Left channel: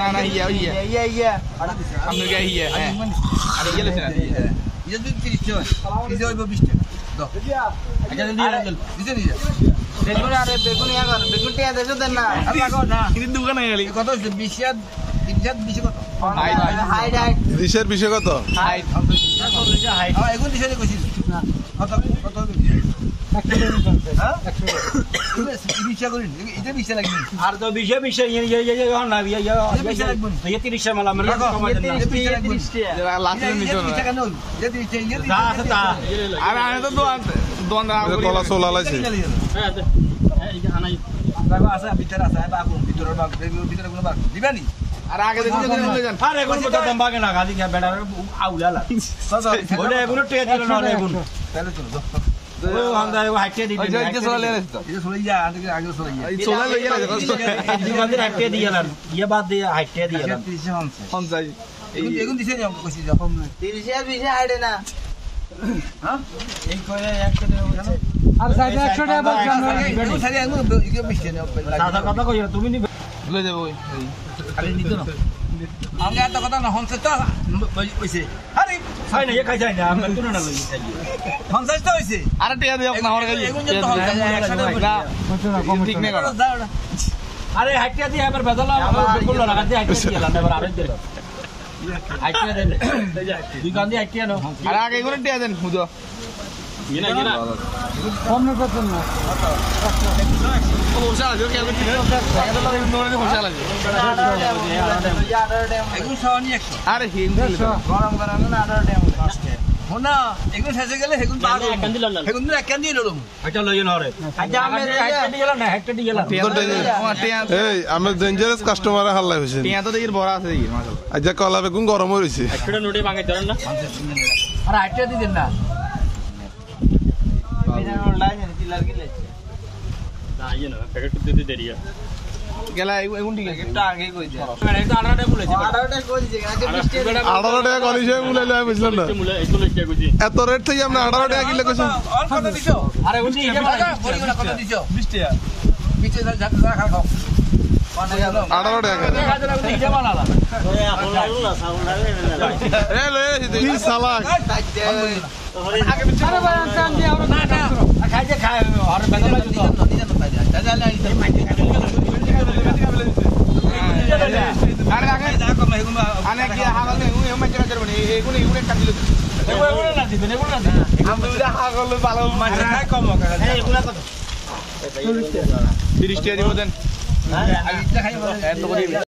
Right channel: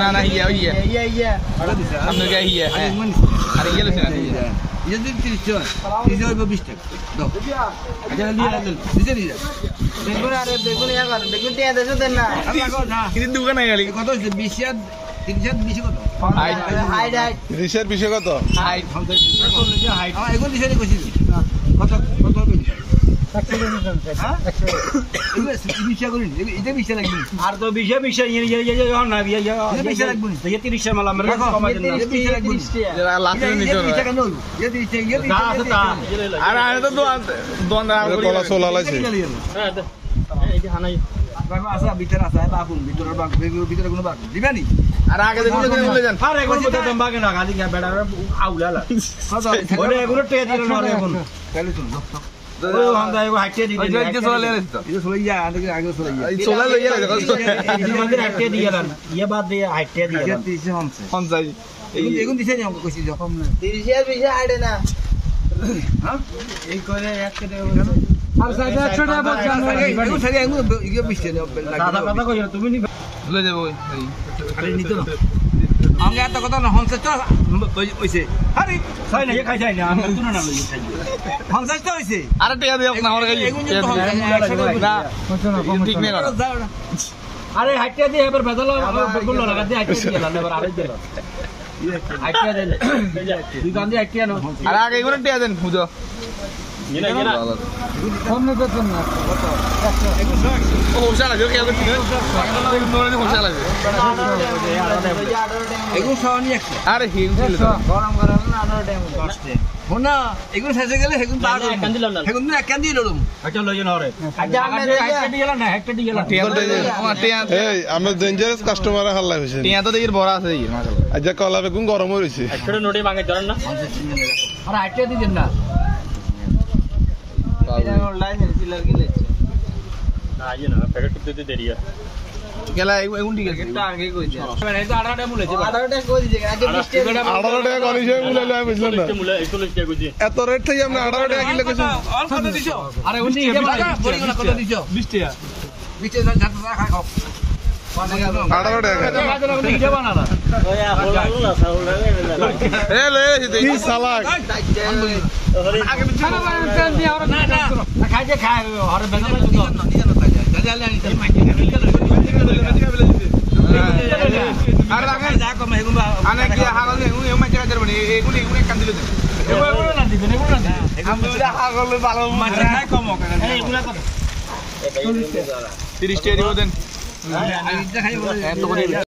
না না ইয়া ইয়া ইয়া ইয়া সামনে গিয়ে ইয়া হ্যাঁ আর ইয়া লছে না ইয়া ইয়া দিন 30 টাকা 30 হইব 20 টাকা দাও আচ্ছা দিয়ে রাখুন দিতে দিয়ে দেখুন আরে দেখুন ইয়া করেন দেখুন টিয়া দেছো দেন না লাগো না কিন্তু দোকানে গেলি কত হইছে 20 আর 30 কত হাইট হাইট রিসের বিষয় কত হাইট হাইট এগুলো দিছে কইছি না কত কত হইবে 100 হ্যাঁ 100 বিশা করিন এটা বিশা লাগবে আর তো বিশে বিশে ইয়া না ইয়া 30 মাল আমরা কমাই দেন 30 যারা লাস্টে নিতো না বিশা কেন হইল ইয়া দিছে তা আছে তা আর আমি তো দোকান কলা সোলা লাইছে হ্যাঁ এই যে হানাই দেখো আছে ভিতরে আছে বাগুন ভিতরে বাগ ভিতরে কোনো বাগ দিবানি আর আগে দেখুন বলে যান আরে কোন কথা দাম বাগে না গালি বেড়া আউলালা বলে এগুলো টেজ দিল না এগুলো তাহলে চলো ওই হন্দা এগো হাইটে দি ওই যে চলে লেছে তো এটা চলে যায় আগে চলে যায় এই চলে লইয়া লাগে এই বান্দির হাইটে দিয়ালান ইয়ে বাদ দিয়ে হাইটে দিয়ালান 30 হনছে পঞ্চাশ এগুন দিছে নি আমাকে কইছি যখন 30 এর বেশি আইডে না হ্যাঁ এই কইরা এক করে বলছে আর সাইড 100 টাকা বল জানো এগুন সাইড এগুন ইয়ে বিশতে দাদা কথা কইরা তুমি নি লয়ে যাবো এই খালি নিতো না আমাকে একটা কথা না হনছে তো হইছে আরে হয় না এ খাই যায় না আমি তো না লই খাই হনছে তো হইছে আরে টিয়া দিও না আমার কাছে এগুন তো হনছে না ঠিক নেই করা আরে হাইটে দিয়ে এবার বেজালা বললো না গাদি হাইটে দিলাম এবার আরে দিল হাইটে দিল দুই গান্দি হাইটে না আর আগে এগুলো টিয়া দেন হুজো কমনে করতেন না ও হোশালা যে কেউ করতে নোরে হোশালা যে এগুন সাওনি 100 আরে হিম ছিল তো গরম গরম না আনার টাইম কষ্টে হোনা এগুন শেষে গেলে হেগুন পার একখান দিলাম না হেগুন এক কান দিয়ে লড়ম হাইটে লইন হরে আচ্ছা আমি হাইটে দিয়ে গেলাম না হাইটে দিয়ে গেলাম টিয়া তো ও টিয়া এই আমরা ডেঞ্জারাস কাস্টমার হাল্লা হইছে টিয়া তো দেখি বড় আছে দেখি মাশাআল্লাহ আজ কলা বেগুন গরম হইছে একটা নোটে ভাঙে চলেন না আরে হাইটে দিয়ে দেন না গেলা এগুন ঠিক আছে এটা আগে কই দিও মানে এটা 18টা বলেছে 18টা কই দিছে আগে 20 টাকা 18 টাকা করিছে মুলাইলে আমি বুঝলাম না এত রেট থেকে আপনি 18 টাকা কিলো কইছেন অল্প কত দিছো আরে উনি বড় কত দিছো 20 টাকা বিচে যাতে না খাই খাও 18 টাকা এ লয়ে কি সালাক আরে রাখেন আনে কি হাগল নেই এও মাইছে কাজের বনি এগুন এগুন এক কান্দিল দেন এগুলো না দিবেন এগুলো না আমি ওটা হাগল ভালো মাইছে না কম এই এগুলা কত 30 টাকা দিব দেন এত করে